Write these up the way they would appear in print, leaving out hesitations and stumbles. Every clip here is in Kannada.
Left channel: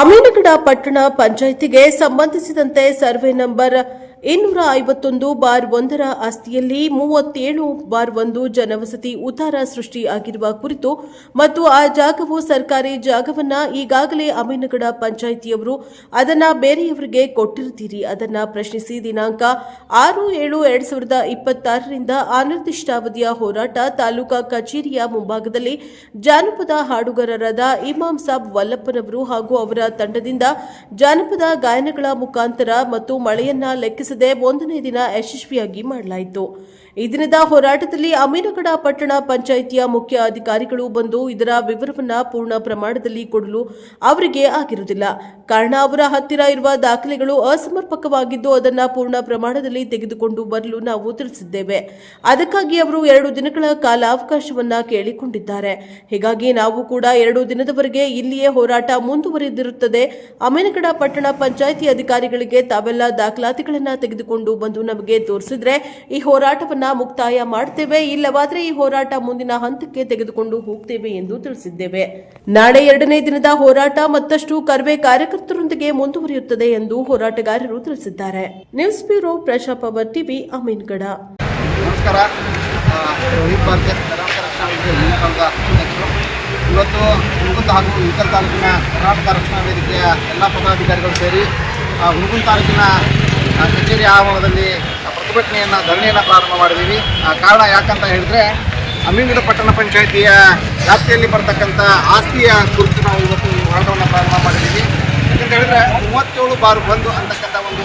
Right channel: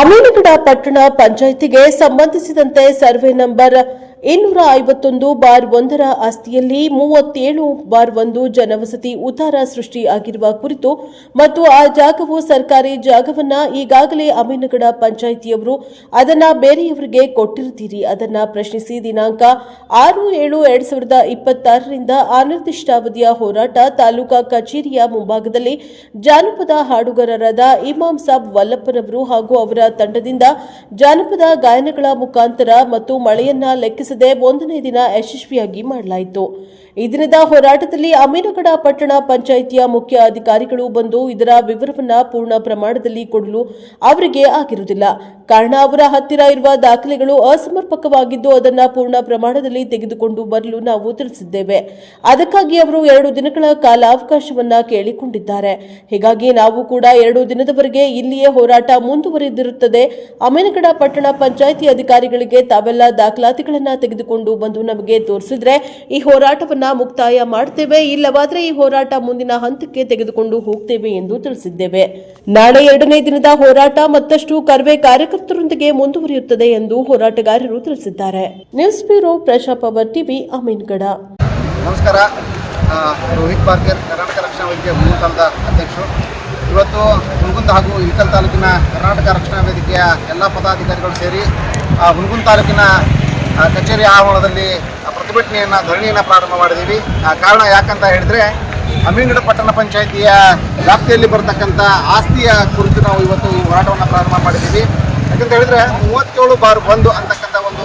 ಅಮೀನಗಡ ಪಟ್ಟಣ ಪಂಚಾಯಿತಿಗೆ ಸಂಬಂಧಿಸಿದಂತೆ ಸರ್ವೆ ನಂಬರ್ 251/1 ಆಸ್ತಿಯಲ್ಲಿ 37/1 ಜನವಸತಿ ಉತ್ತಾರ ಸೃಷ್ಟಿ ಆಗಿರುವ ಕುರಿತು ಮತ್ತು ಆ ಜಾಗವು ಸರ್ಕಾರಿ ಜಾಗವನ್ನ ಈಗಾಗಲೇ ಅಮೀನಗಡ ಪಂಚಾಯಿತಿಯವರು ಅದನ್ನ ಬೇರೆಯವರಿಗೆ ಕೊಟ್ಟಿರುತ್ತೀರಿ. ಅದನ್ನ ಪ್ರಶ್ನಿಸಿ ದಿನಾಂಕ 6/7/2026 ರಿಂದ ಅನಿರ್ದಿಷ್ಟಾವಧಿಯ ಹೋರಾಟ ತಾಲೂಕಾ ಕಚೇರಿಯ ಮುಂಭಾಗದಲ್ಲಿ ಜಾನಪದ ಹಾಡುಗಾರರಾದ ಇಮಾಮ್ ಸಾಬ್ ವಲ್ಲಪ್ಪನವರು ಹಾಗೂ ಅವರ ತಂಡದಿಂದ ಜಾನಪದ ಗಾಯನಗಳ ಮುಖಾಂತರ ಮತ್ತು ಮಳೆಯನ್ನ ಲೆಕ್ಕಿಸದೆ ಒಂದನೇ ದಿನ ಯಶಸ್ವಿಯಾಗಿ ಮಾಡಲಾಯಿತು. ಈ ದಿನದ ಹೋರಾಟದಲ್ಲಿ ಅಮೀನಗಡ ಪಟ್ಟಣ ಪಂಚಾಯಿತಿಯ ಮುಖ್ಯ ಅಧಿಕಾರಿಗಳು ಬಂದು ಇದರ ವಿವರವನ್ನು ಪೂರ್ಣ ಪ್ರಮಾಣದಲ್ಲಿ ಕೊಡಲು ಅವರಿಗೆ ಆಗಿರುವುದಿಲ್ಲ. ಕಾರಣ ಅವರ ಹತ್ತಿರ ಇರುವ ದಾಖಲೆಗಳು ಅಸಮರ್ಪಕವಾಗಿದ್ದು ಅದನ್ನು ಪೂರ್ಣ ಪ್ರಮಾಣದಲ್ಲಿ ತೆಗೆದುಕೊಂಡು ಬರಲು ನಾವು ತಿಳಿಸಿದ್ದೇವೆ. ಅದಕ್ಕಾಗಿ ಅವರು 2 ದಿನಗಳ ಕಾಲಾವಕಾಶವನ್ನ ಕೇಳಿಕೊಂಡಿದ್ದಾರೆ. ಹೀಗಾಗಿ ನಾವು ಕೂಡ 2 ದಿನದವರೆಗೆ ಇಲ್ಲಿಯೇ ಹೋರಾಟ ಮುಂದುವರೆದಿರುತ್ತದೆ. ಅಮೀನಗಡ ಪಟ್ಟಣ ಪಂಚಾಯಿತಿ ಅಧಿಕಾರಿಗಳಿಗೆ ತಾವೆಲ್ಲ ದಾಖಲಾತಿಗಳನ್ನು ತೆಗೆದುಕೊಂಡು ಬಂದು ನಮಗೆ ತೋರಿಸಿದ್ರೆ ಈ ಹೋರಾಟವನ್ನು ಮುಕ್ತಾಯ ಮಾಡುತ್ತೇವೆ, ಇಲ್ಲವಾದರೆ ಈ ಹೋರಾಟ ಮುಂದಿನ ಹಂತಕ್ಕೆ ತೆಗೆದುಕೊಂಡು ಹೋಗ್ತೇವೆ ಎಂದು ತಿಳಿಸಿದ್ದೇವೆ. ನಾಳೆ 2ನೇ ದಿನದ ಹೋರಾಟ ಮತ್ತಷ್ಟು ಕರ್ವೆ ಕಾರ್ಯಕರ್ತರೊಂದಿಗೆ ಮುಂದುವರಿಯುತ್ತದೆ ಎಂದು ಹೋರಾಟಗಾರರು ತಿಳಿಸಿದ್ದಾರೆ. News bureau Praja power TV Amingad. ನಮಸ್ಕಾರ. ರೋಹಿತ್ ಬಾರ್ಜರ್, ಕರ್ನಾಟಕ ರಕ್ಷಣಾ ವೇದಿಕೆ ಹುಣಗುಂದ ಅಧ್ಯಕ್ಷರು. ಇವತ್ತು ಹುಣಗುಂದ ಹಾಗೂ ಇಳಕಲ್ ತಾಲೂಕಿನ ಕರ್ನಾಟಕ ರಕ್ಷಣಾ ವೇದಿಕೆಯ ಎಲ್ಲ ಪದಾಧಿಕಾರಿಗಳು ಸೇರಿ ಹುಣಗುಂದ ತಾಲೂಕಿನ ಕಚೇರಿ ಆವರಣದಲ್ಲಿ ಪ್ರತಿಭಟನೆಯನ್ನು ಧರಣಿಯನ್ನು ಪ್ರಾರಂಭ ಮಾಡಿದ್ದೀವಿ. ಕಾರಣ ಯಾಕಂತ ಹೇಳಿದರೆ ಅಮೀನಗಡ ಪಟ್ಟಣ ಪಂಚಾಯಿತಿಯ ವ್ಯಾಪ್ತಿಯಲ್ಲಿ ಬರ್ತಕ್ಕಂಥ ಆಸ್ತಿಯ ಕುರಿತು ನಾವು ಇವತ್ತು ಈ ಹೋರಾಟವನ್ನು ಪ್ರಾರಂಭ ಮಾಡಿದ್ದೀವಿ. ಯಾಕಂತ ಹೇಳಿದ್ರೆ 37/1 ಅಂತಕ್ಕಂಥ ಒಂದು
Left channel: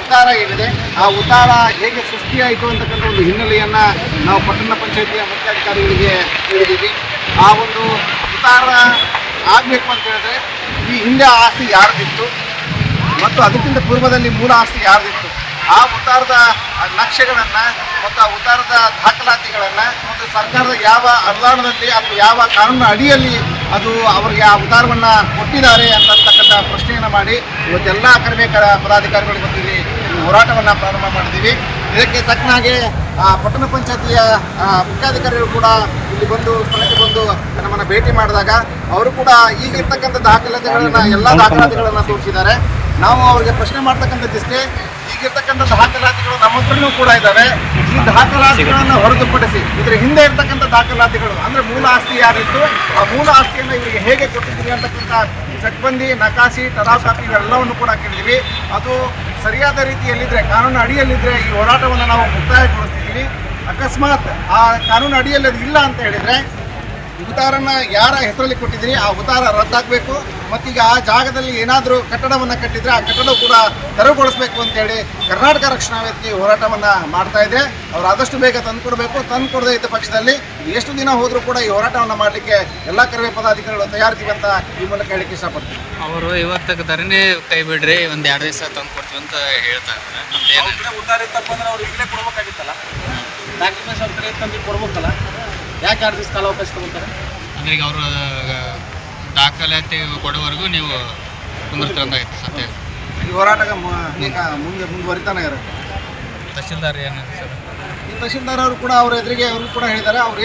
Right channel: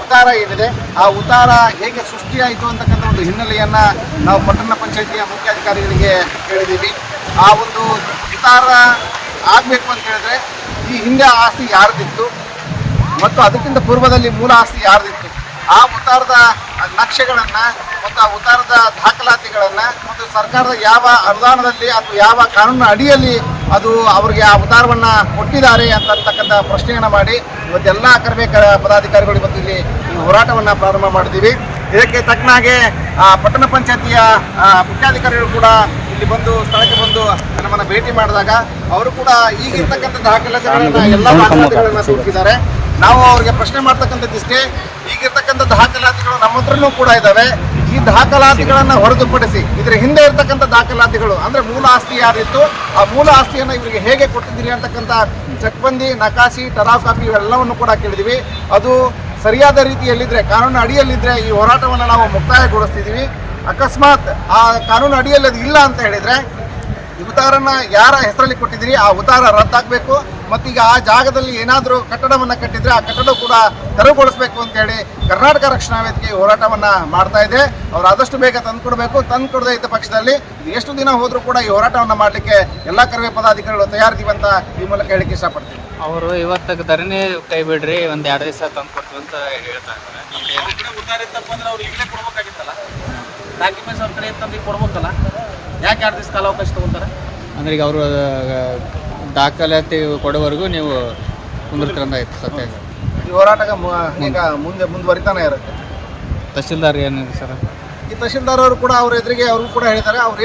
ಉತ್ತಾರ ಏನಿದೆ, ಆ ಉತ್ತಾರ ಹೇಗೆ ಸೃಷ್ಟಿಯಾಯಿತು ಅಂತಕ್ಕಂಥ ಒಂದು ಹಿನ್ನೆಲೆಯನ್ನು ನಾವು ಪಟ್ಟಣ ಪಂಚಾಯಿತಿಯ ಮುಖ್ಯಾಧಿಕಾರಿಗಳಿಗೆ ಹೇಳಿದ್ದೀವಿ. ಆ ಒಂದು ಉತ್ತಾರ ಆಗಬೇಕು ಅಂತ ಹೇಳಿದ್ರೆ ಈ ಹಿಂದೆ ಆಸ್ತಿ ಯಾರ್ದಿತ್ತು ಮತ್ತು ಅದಕ್ಕಿಂತ ಪೂರ್ವದಲ್ಲಿ ಮೂಲ ಆಸ್ತಿ ಯಾರ್ದಿತ್ತು, ಆ ಉತ್ತಾರದ ನಕ್ಷೆಗಳನ್ನು ಮತ್ತು ಆ ಉತ್ತಾರದ ದಾಖಲಾತಿಗಳನ್ನು ಮತ್ತು ಸರ್ಕಾರದ ಯಾವ ಅನುದಾನದಲ್ಲಿ ಅಥವಾ ಯಾವ ಕಾನೂನಿನ ಅಡಿಯಲ್ಲಿ ಅದು ಅವರಿಗೆ ಆ ಉತ್ತಾರವನ್ನು ಕೊಟ್ಟಿದ್ದಾರೆ ಅಂತಕ್ಕಂಥ ಪ್ರಶ್ನೆಯನ್ನು ಮಾಡಿ ಇವತ್ತೆಲ್ಲ ಕರ್ವೆ ಪದಾಧಿಕಾರಿಗಳು ಇವತ್ತು ಇಲ್ಲಿ ಹೋರಾಟವನ್ನು ಪ್ರಾರಂಭ ಮಾಡಿದ್ದೀವಿ. ಇದಕ್ಕೆ ತಕ್ಕನಾಗೆ ಪಟ್ಟಣ ಪಂಚಾಯತಿಯ ಮುಖ್ಯಾಧಿಕಾರಿಗಳು ಕೂಡ ಇಲ್ಲಿ ಬಂದು ಸ್ಥಳಕ್ಕೆ ಬಂದು ನಮ್ಮನ್ನು ಭೇಟಿ ಮಾಡಿದಾಗ ಅವರು ಕೂಡ ಈಗಿರ್ತಕ್ಕಂಥ ದಾಖಲಾತಿಗಳನ್ನು ಎಲ್ಲ ದಾಖಲಾತಿಗಳನ್ನು ತೋರಿಸಿದ್ದಾರೆ. ನಾವು ಅವರಿಗೆ ಪ್ರಶ್ನೆ ಮಾಡ್ತಕ್ಕಂಥದ್ದಿಷ್ಟೇ, ಈಗಿರ್ತಕ್ಕಂಥ ದಾಖಲಾತಿಗಳು ನಮ್ಮ ಹತ್ರನೂ ಕೂಡ ಇದ್ದಾವೆ. ಈ ದಾಖಲಾತಿಗಳನ್ನು ಹೊರತುಪಡಿಸಿ ಇದರ ಹಿಂದೆ ಇರ್ತಕ್ಕಂಥ ದಾಖಲಾತಿಗಳು ಅಂದರೆ ಮೂಲ ಆಸ್ತಿ ಯಾರಿತ್ತು, ಆ ಮೂಲ ಆಸ್ತಿಯನ್ನು ಇವರಿಗೆ ಹೇಗೆ ಕೊಟ್ಟಿದ್ದೀರಿ ಅಂತಕ್ಕಂಥ ಚಕ್ಬಂದಿ, ನಕಾಶಿ, ಟಲಾವ್ ಕಾಪಿ ಇವೆಲ್ಲವನ್ನು ಕೂಡ ಕೇಳಿದ್ದೀವಿ. ಅದು ಸರಿಯಾದ ರೀತಿಯಲ್ಲಿದ್ದರೆ, ಕಾನೂನು ಅಡಿಯಲ್ಲಿದ್ದರೆ ಈ ಹೋರಾಟವನ್ನು ನಾವು ಮುಕ್ತಾಯಗೊಳಿಸ್ತಿದ್ದೀವಿ. ಅಕಸ್ಮಾತ್ ಆ ಕಾನೂನು ಅಡಿಯಲ್ಲಿ ಅದು ಇಲ್ಲ ಅಂತ ಹೇಳಿದರೆ ಈ ಉತ್ತಾರನ ಯಾರ ಹೆಸರಲ್ಲಿ ಕೊಟ್ಟಿದ್ದೀರಿ ಆ ಉತ್ತಾರ ರದ್ದಾಗಬೇಕು. ಮತ್ತೀಗ ಆ ಜಾಗದಲ್ಲಿ ಏನಾದರೂ ಕಟ್ಟಡವನ್ನು ಕಟ್ಟಿದರೆ ಆ ಕಟ್ಟಡ ಕೂಡ ತೆರವುಗೊಳಿಸಬೇಕು ಅಂತೇಳಿ ಕರ್ನಾಟಕ ರಕ್ಷಣಾ ವೇದಿಕೆ ಹೋರಾಟವನ್ನು ಮಾಡ್ತಾ ಇದೆ. ಅವರು ಆದಷ್ಟು ಬೇಗ ತಂದುಕೊಡಬೇಕು. ತಂದುಕೊಡದೇ ಇದ್ದ ಪಕ್ಷದಲ್ಲಿ ಎಷ್ಟು ದಿನ ಹೋದರೂ ಕೂಡ ಈ ಹೋರಾಟವನ್ನು ಮಾಡಲಿಕ್ಕೆ ಎಲ್ಲ ಕರ್ವೆ ಪದಾಧಿಕಾರಿಗಳು ತಯಾರಿದ್ದೀವಿ ಅಂತ ಈ ಮೂಲಕ ಹೇಳಿಕ್ಕೆ ಇಷ್ಟಪಡ್ತೀವಿ. ಅವರು ಇವತ್ತು ಧರಣಿ ಕೈ ಬಿಡ್ರಿ, ಒಂದು 2 ದಿವಸ ತಂದು ಕೊಡ್ತೀವಿ ಅಂತ ಹೇಳ್ತಾರೆ. ಉದ್ದಾರ ಇತ್ತಪ್ಪ ಅಂದ್ರೆ ಅವ್ರು ಈಗಲೇ ಕೊಡ್ಬೇಕಾಗಿತ್ತಲ್ಲ, ಡಾಕ್ಯುಮೆಂಟ್ಸ್ ಅವ್ರ ಕಡೆ ತಂದು ಕೊಡ್ಬೇಕಲ್ಲ, ಯಾಕೆ 2 ದಿವಸ ಕಾಲಾವಕಾಶ ತೊಗೊಳ್ತಾರೆ? ಅಂದ್ರೆ ಈಗ ಅವರು ದಾಖಲಾತಿ ಕೊಡೋವರೆಗೂ ನೀವು ಕುಂದಿರ್ತಾರಂದಾಗಿತ್ತು ಸತ್ಯ. ಈ ಹೋರಾಟ ಈಗ ಮುಂದುವರಿತಾನೆ ಇರುತ್ತೆ. ತಹಸೀಲ್ದಾರ್ ಏನು ಸರ್, ಈ ತಹಸೀಲ್ದಾರ್ ಅವರು ಕೂಡ ಅವ್ರ ಎದುರಿಗೆ ಅವ್ರಿಗೂ ಕೂಡ ಹೇಳಿದ್ದಾರೆ. ಅವ್ರು ಏನು